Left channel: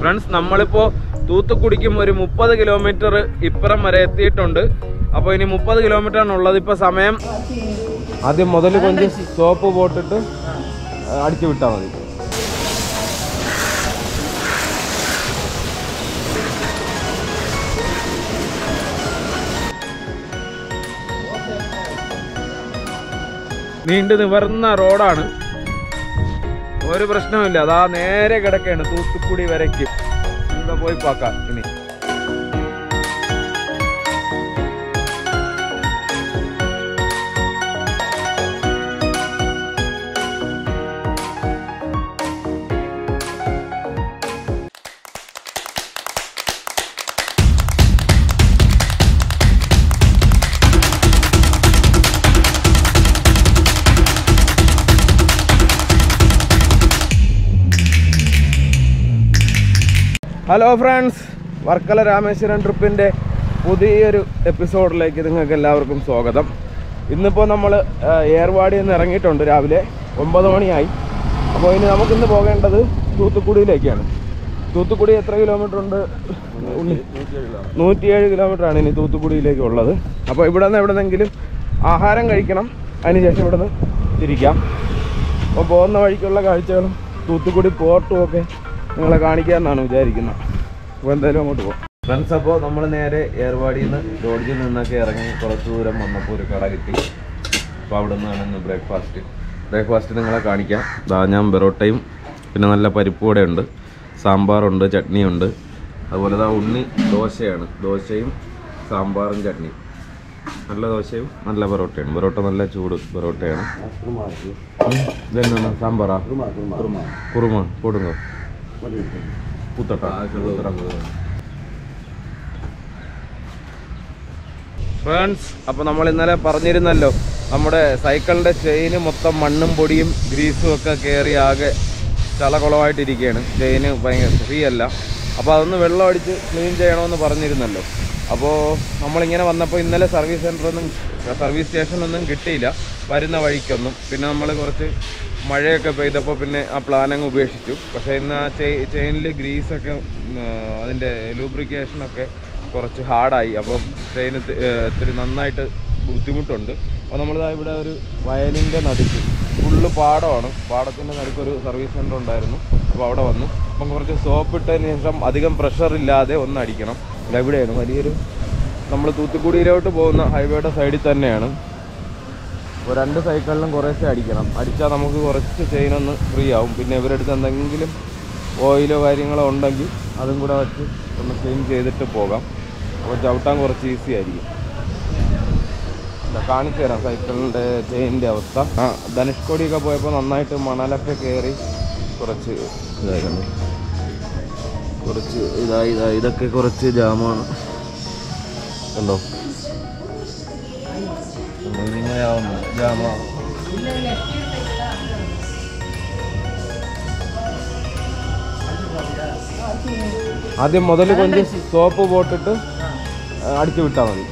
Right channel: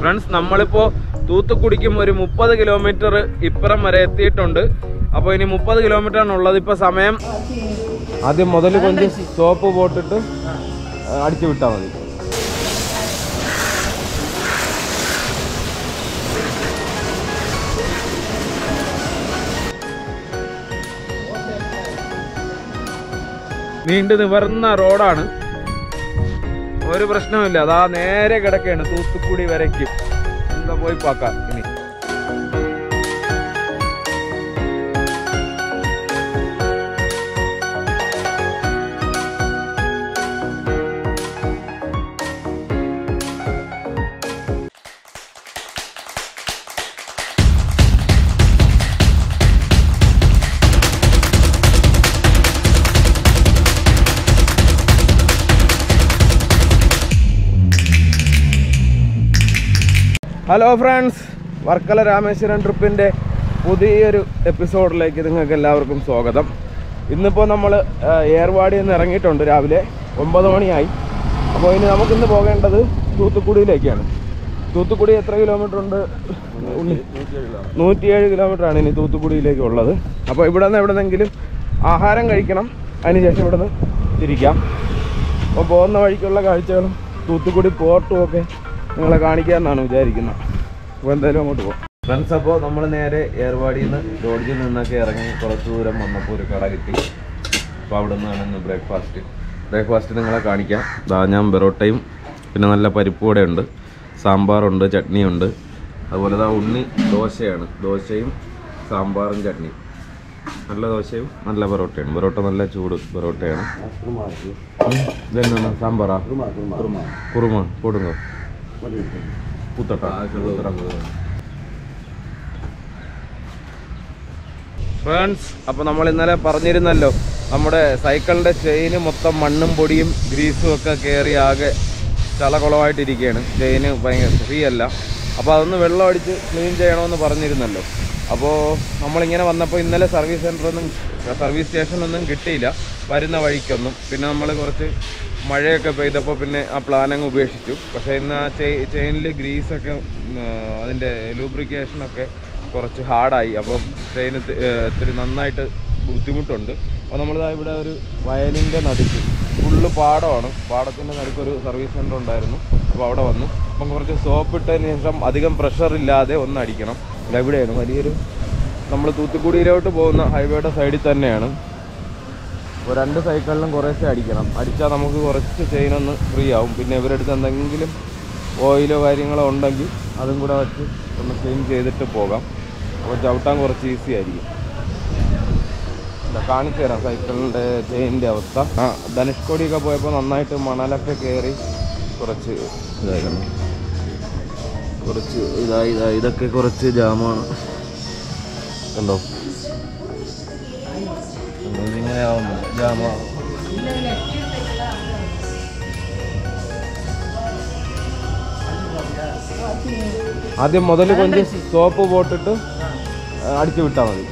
Friends, നമ്മളിപ്പോൾ തൂത്തുക്കുടിക്കും ഒരു 30 kilometre ഇപ്പുറം വരെ എത്തിയിട്ടുണ്ട്. അപ്പോൾ ഇനി 30 കിലോമീറ്റർ ആണുള്ളത്. ഇപ്പോൾ സമയം ആദ്യം മുതൽ കൊഞ്ച് സോപ്പ് പോട്ടിട്ട് അടിച്ചു വിട്ടാൽ മതി. നീണ്ടു നിവർന്ന റോഡാണ്, ഒരു പ്രശ്നമില്ല. അതാ നേരെ കിടക്കുകയാണ് തൂത്തുക്കുടി വരയ്ക്കും. എന്താ പോയി പാക്കാം ഇനി. ഹലോ ഫ്രണ്ട്സ്, വർക്കല-രാമേശ്വരം ട്രിപ്പിൻ്റെ പുതിയൊരു എപ്പിസോഡിലേക്ക് നിങ്ങൾക്ക് എല്ലാവർക്കും സ്വാഗതം. ഇന്നിപ്പോൾ നമ്മൾ ഏർവാടിയിൽ നിന്ന് ഇറങ്ങിയിട്ടുണ്ട്. രാവിലെ 9 മണിയായി. അപ്പോൾ ഇനി നമുക്കിന്ന് പോകേണ്ടത് തൂത്തുക്കുടിയിലേക്കാണ്. തൂത്തുക്കുടി എത്ര കിലോമീറ്റർ ഉണ്ട്? 107 കിലോമീറ്ററാണ് ഇനി തൂത്തുക്കുടിയിലേക്കുള്ളത്. അപ്പോൾ ഇവിടെ നിന്ന് എവിടെന്നെങ്കിലും ആഹാരം കഴിക്കണം, അതിനുശേഷം ഇവിടെ നിന്ന് തിരിക്കാം. അപ്പോൾ പോകുന്ന വഴിക്കുള്ള കാഴ്ചകളും തൂത്തുക്കുടി പോർട്ടും ഒക്കെ നിങ്ങളെ കാണിക്കാമെന്നാണ് വിചാരിക്കുന്നത്. അപ്പോൾ എന്തായാലും അങ്ങോട്ട് പോകാം ഫ്രണ്ട്സ്. അപ്പോൾ നമ്മൾ നേരെ ഏർവാടിയിൽ നിന്ന് ലോഡ്ജിൽ നിന്നൊക്കെ ഇറങ്ങി കുറച്ച് ദൂരം വന്നപ്പോൾ ഒരു കട കിട്ടി. അപ്പോൾ അവിടെ നിന്നാണ് ഇന്ന് ബ്രേക്ക്ഫാസ്റ്റ് നിങ്ങളെ കാണിക്കാം. ഞാൻ ബെറോട്ടയും പിന്നെ നല്ല പരിപ്പ് വടയുണ്ട്, സാമ്പാറുണ്ട്, ചട്നിയുണ്ട്. അതുപോലെ ഉണ്ണി ദോശയാണ്, ദോശയും സാമ്പാറും ചട്നിയും. നല്ല ദോശയും നല്ല ബെറോട്ടയാണ്. ബെറോട്ട നല്ല ചൂട് ബെറോട്ടയാണ്. ഇതെന്നാണ് സാമ്പാറാ? കുറുമ കൊടുങ്ങോ ഫ്രണ്ട്സ്. അപ്പോൾ നമ്മൾ ഇന്നലെ പറഞ്ഞിരുന്നല്ലോ, നമ്മുടെ സൈക്കിളിൻ്റെ ചെയിന് മൊത്തം മണ്ണും പൊടിയും ഗ്രീസും ഒക്കെ കയറി ആകെ ചളകുളമായിട്ടിരിക്കുകയാണ്. ചെയിന് ഭയങ്കര ഫ്രീ അല്ല. അപ്പോൾ അതൊന്ന് വെള്ളം അടിച്ച് ക്ലീൻ ചെയ്യണമെന്ന് പറഞ്ഞിരുന്നല്ലോ. അപ്പോൾ നമ്മളിങ്ങനെ വന്നപ്പോൾ ഇന്നലെ സർവീസ് സ്റ്റേഷനൊന്നും കിട്ടിയില്ല വരുന്ന വഴിക്കൊന്നും. പിന്നെ നമ്മൾ കുറച്ച് മഴയൊക്കെ പെയ്തപ്പോൾ പിന്നെ ആ പ്ലാനങ്ങ് ഉപേക്ഷിച്ചു. പക്ഷേ ഇന്ന് ആ ചെയിനിൽ ഗ്രീസൊക്കെ അതിൻ്റെ ലൂബ്രിക്കേഷനൊക്കെ കുറച്ച് ഹാർഡായി. അപ്പോൾ ചെയിൻ ഇത്തിരി നന്നായിട്ട് ബുദ്ധിമുട്ടുണ്ട്. അപ്പോൾ നമ്മളിതാ ഇവിടെ ഒരു വയലിൻ്റെ നടുക്ക് ഫുള്ള് പാടമാണ്. പാടത്തിൻ്റെ നടുക്കൊരു സർവീസ് സെൻ്റർ ഉണ്ടായിരുന്നു. അപ്പോൾ അവിടെ വന്നു. അപ്പം കുറച്ച് സോപ്പ് ഇട്ടതിന് ശേഷം അധികം പ്രഷറില്ലാതെ ഒന്ന് അടിക്കണം. എവിടെയാണ് വലിയൊരു നമ്മൾ തൂത്തുക്കുടിയിലോട്ട് പോകുന്ന ഹൈവേയുടെ സൈഡിൽ തന്നെയാണ്. അപ്പോൾ 2 സൈക്കിളിലും കുറേശ്ശെ അടിക്കണം. അടിച്ചാൽ നമുക്ക് കുറച്ച് ചെയിനൊന്ന് ഫ്രീ ആവും. പിന്നെ ഇവരെടുത്ത് എന്തെങ്കിലും ഓയിലോ കാര്യങ്ങളോ ഉണ്ടെങ്കിൽ അതും കൂടെ വെച്ച് ഒന്ന് ക്ലീൻ ചെയ്തിട്ട് പോകാം. അപ്പോൾ ചവിട്ടാൻ കുറച്ച് ഈസി ആയിരിക്കും. കാണിച്ചു തരാം സൈക്കിളിൻ്റെ ചെയിനിൻ്റെ അവസ്ഥ. ധനുഷ്കോടിയൊക്കെ പോയപ്പോൾ നന്നായിട്ട് മണലൊക്കെ കയറി കുറച്ച് ഇതായിരുന്നു. കുറച്ച് ഇതൊക്കെ കുറച്ച് ജാമാണ്. കണ്ടോ, ഇതിങ്ങനെ ആവുന്നു ജാമാണ്. ആദ്യം മുതൽ കൊഞ്ച് സോപ്പ് പോട്ടിട്ട് അടിച്ചു വിട്ടാൽ മതി.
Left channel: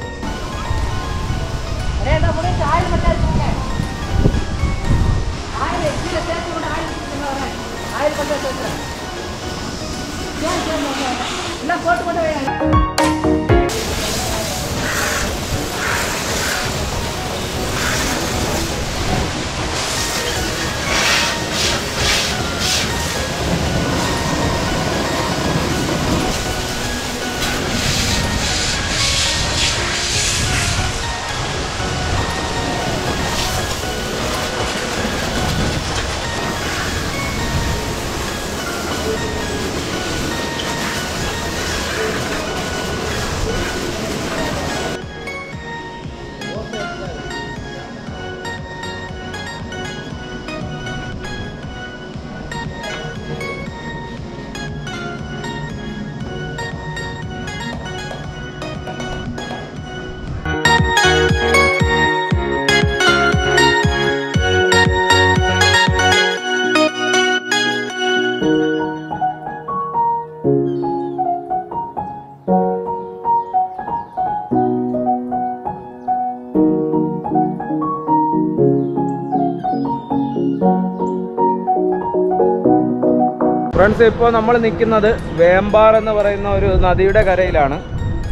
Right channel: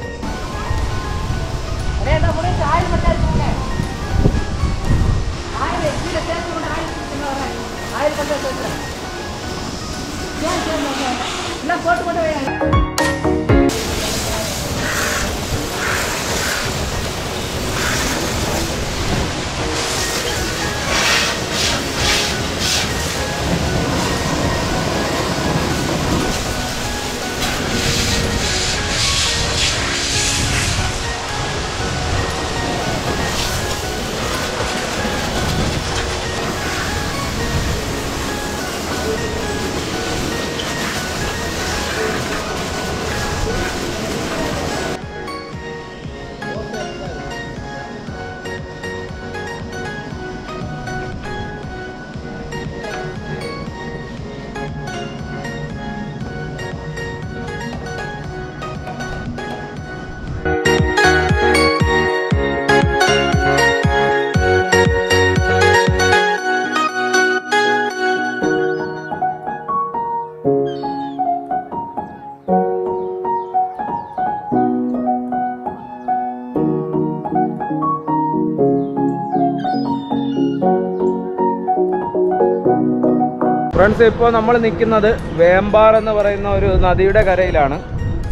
ഫ്രണ്ട്സ്, ഇപ്പോൾ നമ്മൾ നിൽക്കുന്നത് വേമ്പാർ എന്ന് പറയുന്ന ഒരു നദിയുടെ കരയിലാണ്.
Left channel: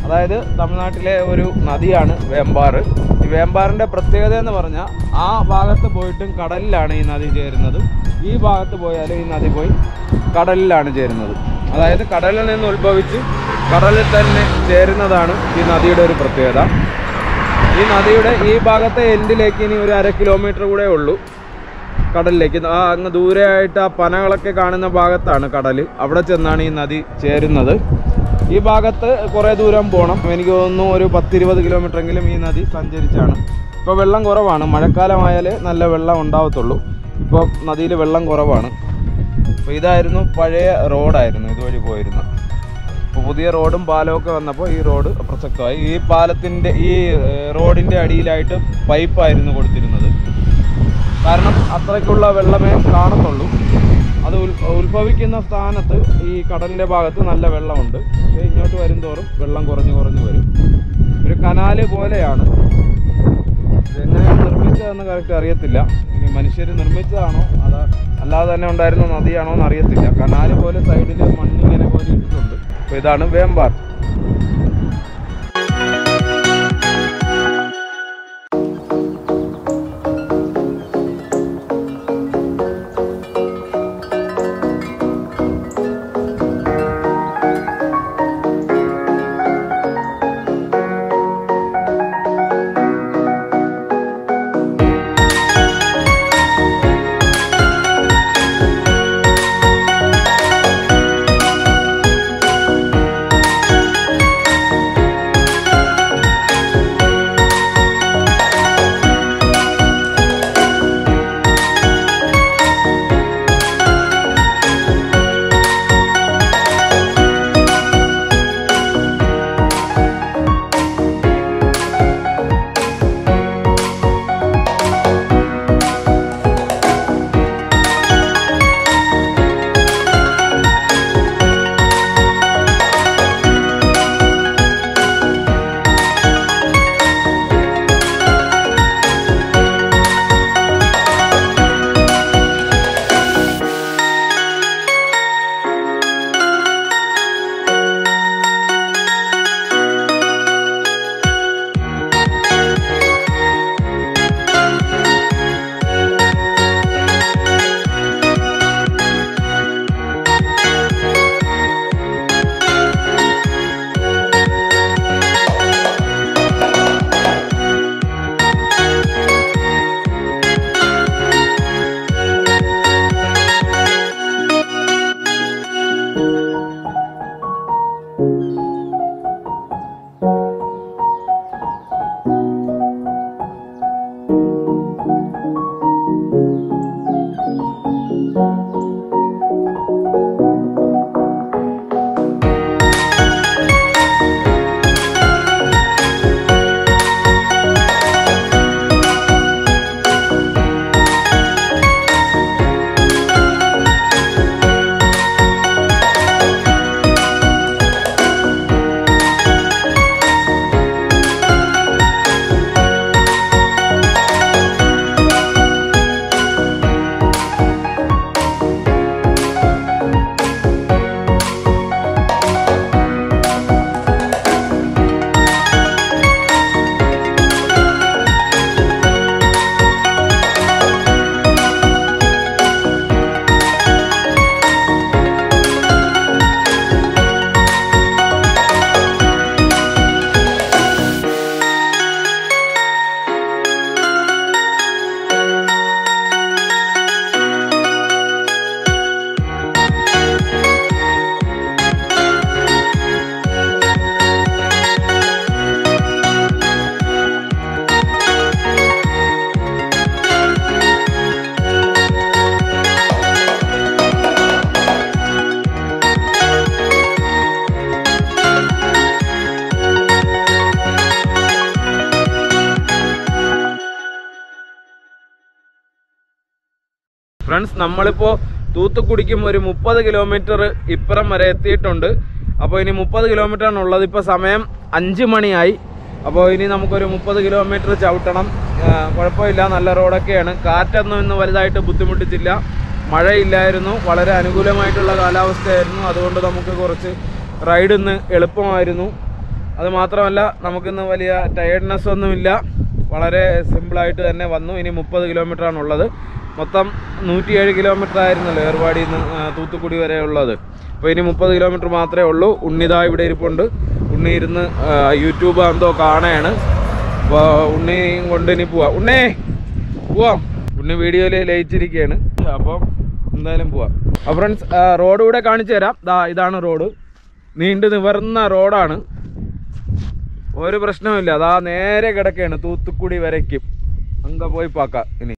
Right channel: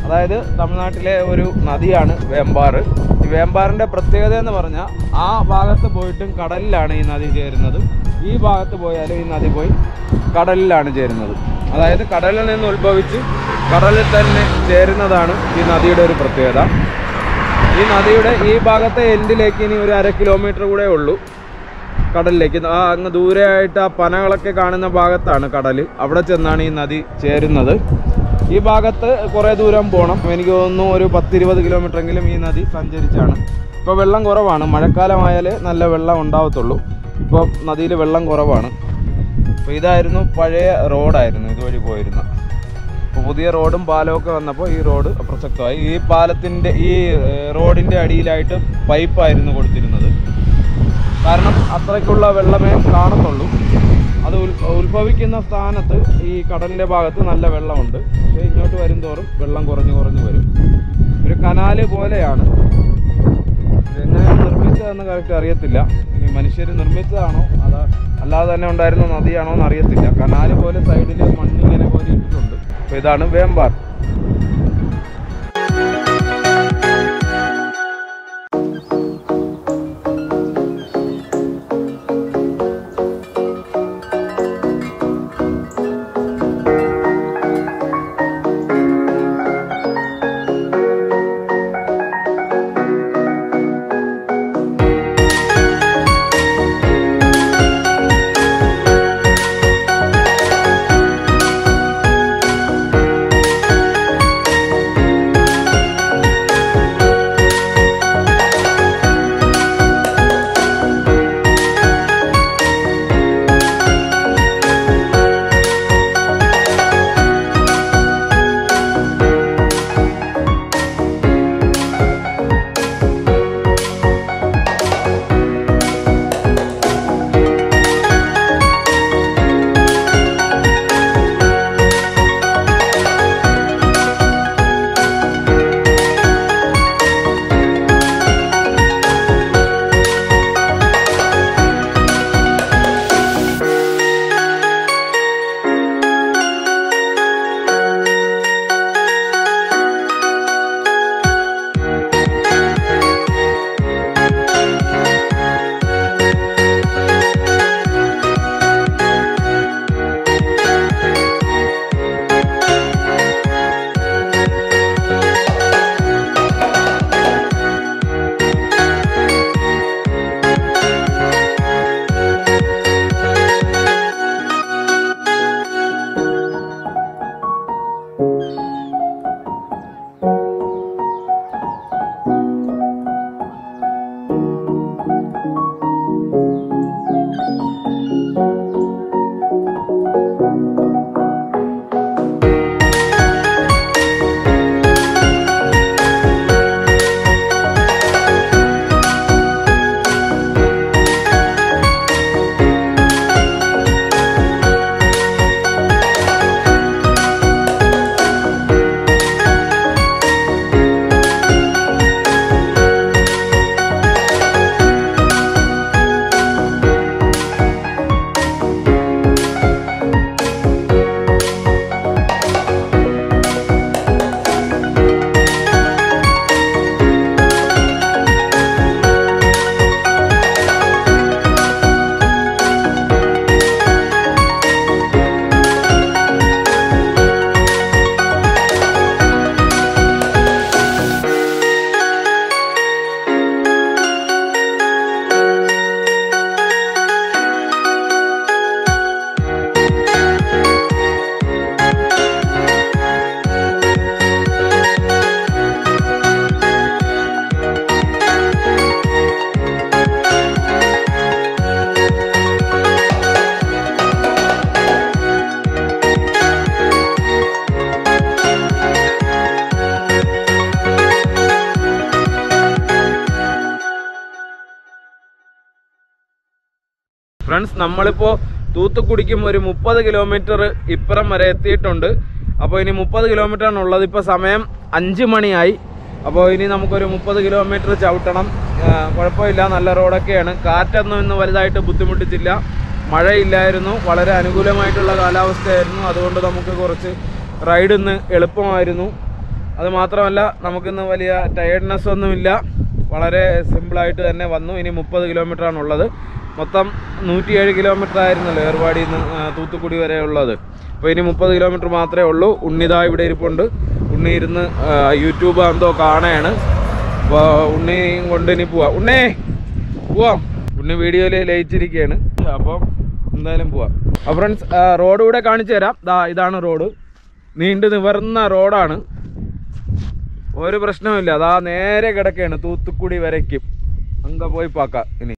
അതായത് തമിഴ്നാട്ടിലെ ഒരു നദിയാണ് വേമ്പാർ. ഈ വേമ്പാറിൻ്റെ പ്രത്യേകത എന്ന് പറഞ്ഞാൽ ആ ഭാഗത്ത് പോയിട്ടും കടലിലാണ് ഈ നദി ചേരുന്നത്. ഈ ഭാഗത്ത് പോയാലും ഈ നദി പോയി കടലിലാണ് ചേരുന്നത്. അതായത് കടലിൽ നിന്ന് ഉത്ഭവിച്ച് കടലിൽ തന്നെ ചേരുന്നതാണ് ഈ നദിയുടെ ഒരു പ്രത്യേകത. ഈ നദിയുടെ ഈ ഭാഗത്തെ എൻഡിലേക്ക് ഇനി ഒരു 1/2 കിലോമീറ്റർ കൂടെ ഉള്ളൂ കടലിലേക്ക്. അങ്ങ് ദൂരെയായിട്ട് ആ പനകളൊക്കെ കാണുന്ന ഭാഗത്താണ് കടൽ. അവിടെ ചെന്നാണ് ഈ നദി ചേരുന്നത്. ഈ ഭാഗത്ത് കുറേ ദൂരം പോകണം. എനിക്ക് തോന്നുന്നു ഒരു 10-20 കിലോമീറ്ററെങ്കിലും ഈ നദി സഞ്ചരിച്ചാണ്. ഇപ്പോൾ വെള്ളം കുറവാണ്. മഴക്കാലമായാലേ നല്ല വെള്ളം ഉണ്ടാവത്തുള്ളൂ. ഇപ്പോൾ നദിയിൽ വെള്ളം കുറവാണ്. അപ്പോൾ ഇതായിരുന്നു പഴയ റോഡായിരുന്നു ഇതുവഴി പോയിരുന്ന. അപ്പോൾ പുതിയ റോഡും പാലമൊക്കെ വന്നപ്പോൾ ഈ റോഡ് പ്രസക്തമായി. ഈ പാലത്തിൻ്റെ ഈ റോഡിൻ്റെ അടിയിലായിട്ട് പൈപ്പായിരുന്നു കൊടുത്തിരുന്നത്. കാരണം അത്രയ്ക്കുള്ള വെള്ളമേ കാണത്തുള്ളൂ. അത് ഉത്ഭവിക്കുന്ന സ്ഥാനത്ത് ഈ കടലിൻ്റെ ഭാഗത്ത് നല്ല വെള്ളമുണ്ട്. പക്ഷേ ഇങ്ങോട്ട് വരും തോറും വെള്ളം കുറഞ്ഞു വരും. ഒരു കനാല് പോലെയാണ്. ഇതെങ്ങനെയാണ് നിർമ്മിച്ചതെന്ന് കറക്റ്റ് അറിയത്തില്ല. ഇനി മനുഷ്യർ നിർമ്മിച്ചതാണോ അല്ലാതെ തന്നെ ഉണ്ടായിരുന്ന നദിയാണോ എന്ന് അറിയത്തില്ല. കനാല് പോലെ സൈഡിൽ മണ്ണിങ്ങനെ പോലെ ഇട്ടിട്ടുണ്ട്. അപ്പോൾ ഇതാണ് വേമ്പാർ. ഫ്രണ്ട്സ്, നമ്മളിപ്പോൾ തൂത്തുക്കുടിക്കും ഒരു 30 കിലോമീറ്റർ ഇപ്പുറം വരെ എത്തിയിട്ടുണ്ട്. അപ്പോൾ ഇനി 30 കിലോമീറ്ററാണ് ഉള്ളത്. ഇപ്പോൾ സമയം 5 മണിയായി. അപ്പോൾ ഇനി നമുക്കൊരു 30 കിലോമീറ്റർ ചവിട്ടണം. കുഴപ്പമില്ല, നല്ല റോഡൊക്കെയാണ്. കാറ്റൊന്നും ഇന്ന് വലുതായിട്ട് ബുദ്ധിമുട്ടിച്ചില്ല. മഴയില്ലായിരുന്നു, വളരെ അനുകൂലമായിട്ടുള്ള കാലാവസ്ഥയായിരുന്നു. അതുകൊണ്ട് നമുക്ക് കുറച്ച് റൈഡ് ഇന്ന് എളുപ്പമായിരുന്നു. അതുമാത്രമല്ല നമുക്കിന്ന് വലിയ ടയർഡ്നെസ് ഒന്നുമില്ല, വളരെ സിമ്പിളായിട്ട് തന്നെ വന്നു. ഇനി 30 കിലോമീറ്ററാണുള്ളത്. മൊത്തം 107 കിലോമീറ്റർ ആയിരുന്നല്ലോ ഏർവാടിയിൽ നിന്ന് തൂത്തുക്കുടി വരെ ഉള്ളത്. അപ്പോൾ ഇനി 30 കിലോമീറ്റർ മാത്രമേ ഉള്ളൂ. ഉണ്ണിതാ ഇവിടെ ഇരിപ്പുണ്ട്. ഉണ്ണി ഇരുന്ന് യൂട്യൂബ് എന്തോ കാണുകയാണ്. അപ്പോൾ ഉണ്ണിയും കൊണ്ട് ഇനി പോവാം. ഉണ്ണേ പോവാം. ഉണ്ണി വീഡിയോയിൽ ലയിച്ചിരിക്കുകയാണ്. അപ്പം എന്തായാലും പോവാം. അപ്പോൾ ഫ്രണ്ട്സ്, റോഡ് കൂടെ കാണിച്ചു തരാം. ഇതാണ് റോഡ്. നീണ്ടു നിവർന്ന റോഡാണ്, ഒരു പ്രശ്നവുമില്ല. അതാ നേരെ കിടക്കുകയാണ് തൂത്തുക്കുടി വരയ്ക്കും. അങ്ങ് പോയി പാക്കാം ഇനി.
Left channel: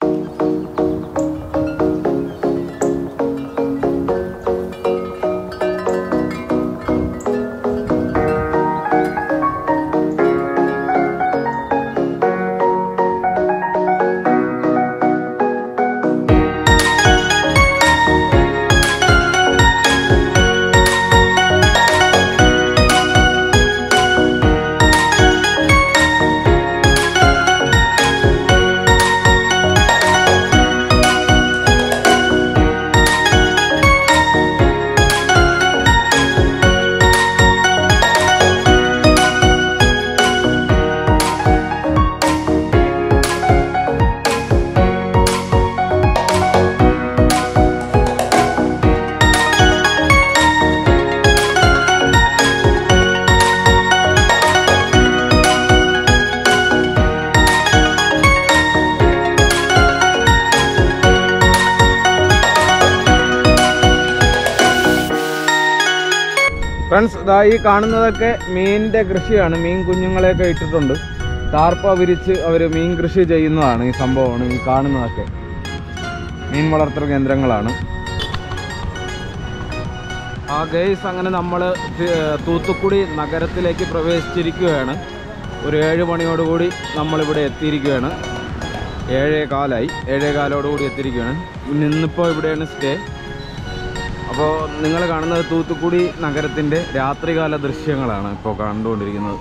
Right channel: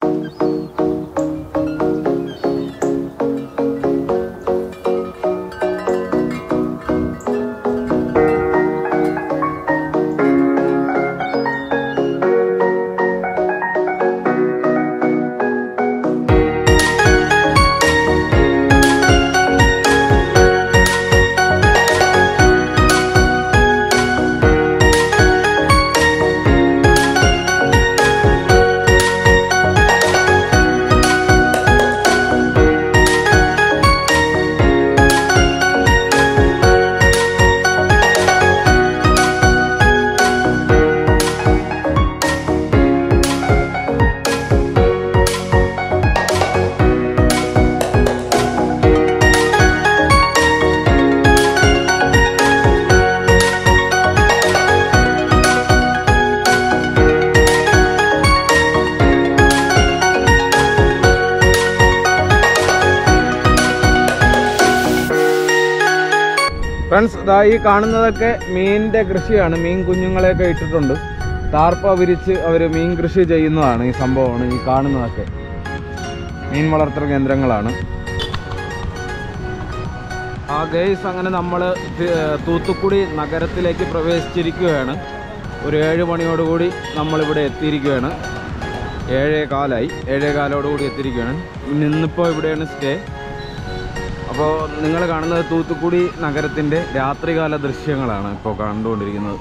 ഫ്രണ്ട്സ്, ഈ കാണുന്നതൊക്കെ മീനിൻ്റെ കൃഷിയാണ്. മീൻ കുഞ്ഞുങ്ങളെയൊക്കെ ഇട്ടിട്ടുണ്ട്. ടാർപ്പ വിരിച്ച് അവർ മീൻ കൃഷി ചെയ്യുന്നതാണ്. ഈ സംഭവമാണ് ഈ കാണുന്നതൊക്കെ മീൻ വളർത്തൽ കേന്ദ്രങ്ങളാണ്. ഗൈസ്, അങ്ങനെ നമ്മൾ തൂത്തുക്കുടി നഗരത്തിലേക്ക് പ്രവേശിച്ചിരിക്കുകയാണ്. ഒരു 7 മണിയോടുകൂടി നമ്മളിവിടെ എത്തിയിരിക്കുകയാണ്. 7:15 7:15 എത്തിയിരിക്കുകയാണ്. ഇന്നിപ്പോൾ ഇവിടെയാണ് സ്റ്റേ. അപ്പോൾ നിങ്ങൾ കാണുന്നത് തൂത്തുക്കുടി നഗരത്തിൻ്റെ രാത്രികാല ദൃശ്യങ്ങളാണ് ഇപ്പോൾ കണ്ടുകൊണ്ടിരിക്കുന്നത്.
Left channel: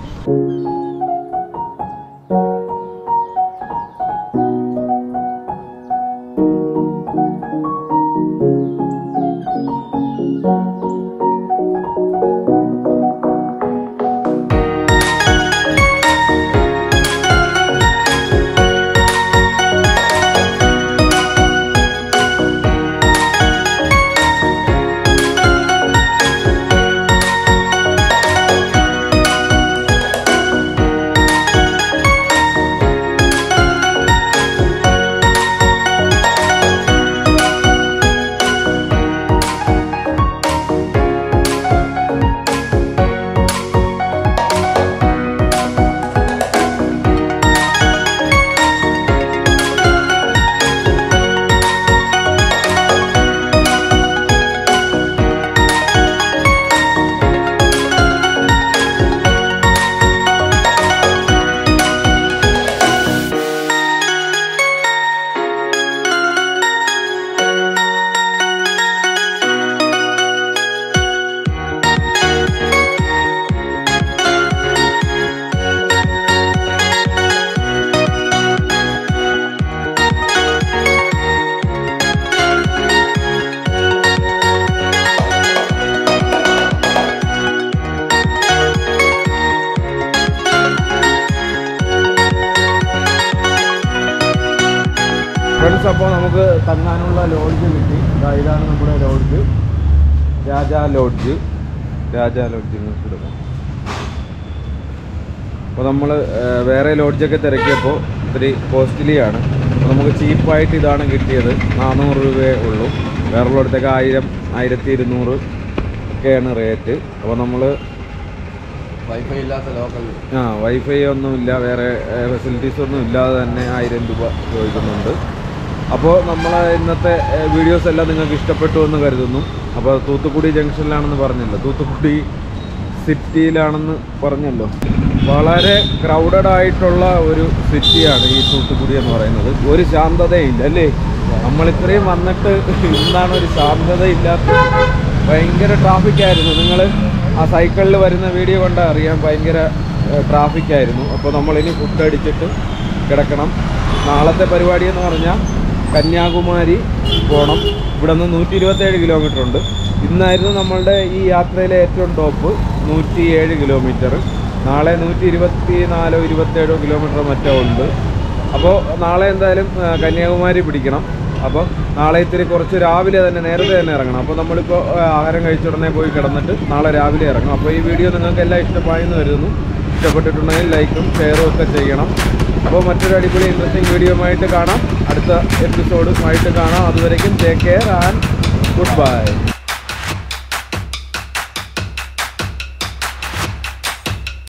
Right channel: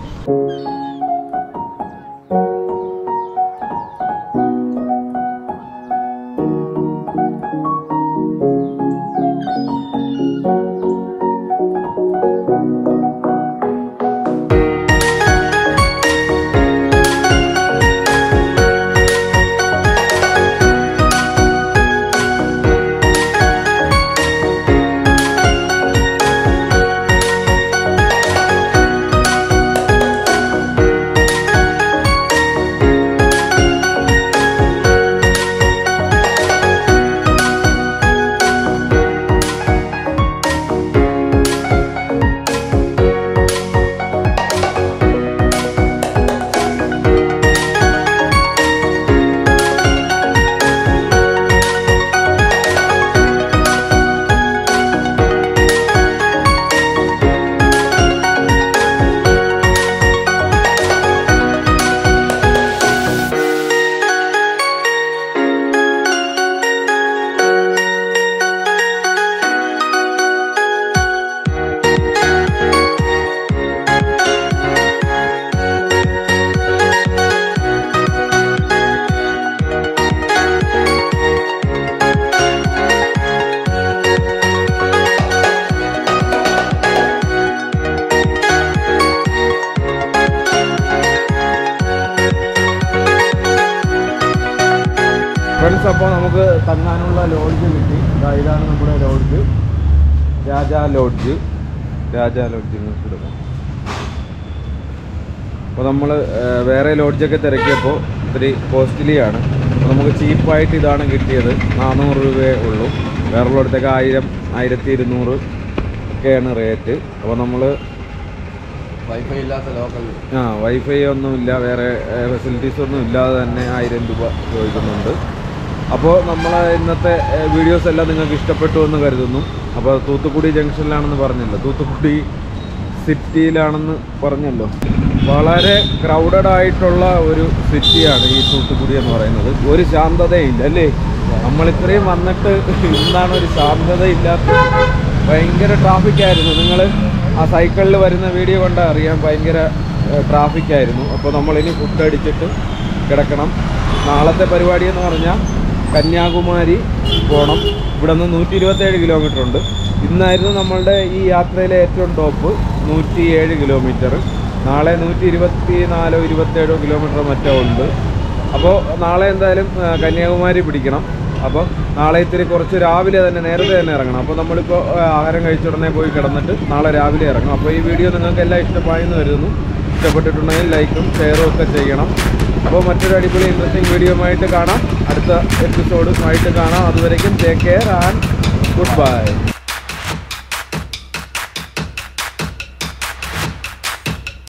ഫ്രണ്ട്സ്, അപ്പോൾ നമുക്ക് തങ്ങാനുള്ള ലോഡ്ജ് കിട്ടി. ഇതാണ് നമ്മുടെ ലോഡ്ജ്, രാജാ ലോഡ്ജ് എടുക്കാം. അപ്പോൾ നമ്മൾ വേറെ ലോഡ്ജൊക്കെ തിരക്കിയപ്പോൾ ഇത്തിരി കോസ്റ്റ്ലിയാണ്. അപ്പോൾ നമുക്ക് ചീപ്പായിട്ട് ഇതാണ് കിട്ടിയത്. 400 രൂപയേ ഉള്ളൂ. വേറെയുള്ളിടത്തൊക്കെ 1000 1200 ഒക്കെയാണ് റേറ്റ്. അപ്പോൾ നമ്മൾ വൈഫൈ ഇല്ലാത്ത ലോക്കൽ വൈഫൈ ഒന്നുമില്ല, വേറെ ഫെസിലിറ്റീസ് ഒന്നും ഇല്ലാതെ തന്നെ 1000 രൂപ ചോദിക്കുന്നുണ്ട്. അപ്പോൾ നമ്മൾ ഇന്നത്തെ വീഡിയോസ് എല്ലാം നിങ്ങൾക്ക് ഇഷ്ടപ്പെട്ടു എന്ന് കരുതുന്നു. അപ്പോൾ തൂത്തുക്കുടി ജംഗ്ഷനിലാണെന്ന് പറഞ്ഞല്ലോ, തൂത്തുക്കുടി സിറ്റിയിലാണെന്ന് പറഞ്ഞല്ലോ. വളരെ ക്രൗഡഡ് ആയിട്ടുള്ള ഒരു സിറ്റിയാണ് ഈ തൂത്തുക്കുടി എന്ന് പറയുന്നത്. ഒരു ശാന്തതയില്ല അല്ലേ? നമ്മളിത്രയും വന്നിട്ട് ഇന്നാണ് ഒരു ശാന്തതയില്ലാത്ത. ഭയങ്കര ട്രാഫിക്കായിരുന്നു. നിങ്ങൾ ആ സൈക്കിളിൽ വരുന്ന വീഡിയോ കണ്ടാൽ അറിയാം, ഭയങ്കര ട്രാഫിക്കായിരുന്നു. അപ്പോൾ നമ്മളിനി ഫുഡ് അടിച്ചിട്ട് കിടക്കണം. നാളത്തെ പരിപാടി എന്ന് പറഞ്ഞാൽ കന്യാകുമാരി പോകണം. ഇവിടെ നിന്ന് 127 കിലോമീറ്റർ ഉണ്ട്. ഇന്നായിരുന്നു നമ്മളുടെ ഈ യാത്രയിലെ ഏറ്റവും ടോപ്പ് 107 കിലോമീറ്റർ. നാളെ 124-27 കിലോമീറ്റർ മറ്റോ ഉണ്ട്. അപ്പോൾ നാളെ എന്തായാലും കന്യാകുമാരി പിടിക്കണം. അപ്പോൾ നാളെ ഇത്തിരി കുറച്ച് രാവിലെ തന്നെ നേരത്തെ തന്നെ ഇറങ്ങണം. അപ്പോൾ നമ്മളിപ്പോൾ ആഹാരം കഴിച്ച ഉടനെ പോയി കിടന്നിട്ട് നാളെ രാവിലെ ഇറങ്ങും. അപ്പോൾ ഈ വീഡിയോ നിങ്ങൾക്ക് എല്ലാം ഇഷ്ടമായെന്ന് കരുതുന്നു. ഇഷ്ടപ്പെട്ടിട്ടുണ്ടെങ്കിൽ ലൈക്കും ഷെയറും ഒക്കെ ചെയ്യണം. അപ്പോൾ മറ്റൊരു അടിപൊളി ഇൻട്രസ്റ്റിംഗ് വീഡിയോയുമായിട്ട് കാണാം. അടുത്ത എപ്പിസോഡുമായിട്ട് കാണാം. അതുവരേക്കും take care and good bye.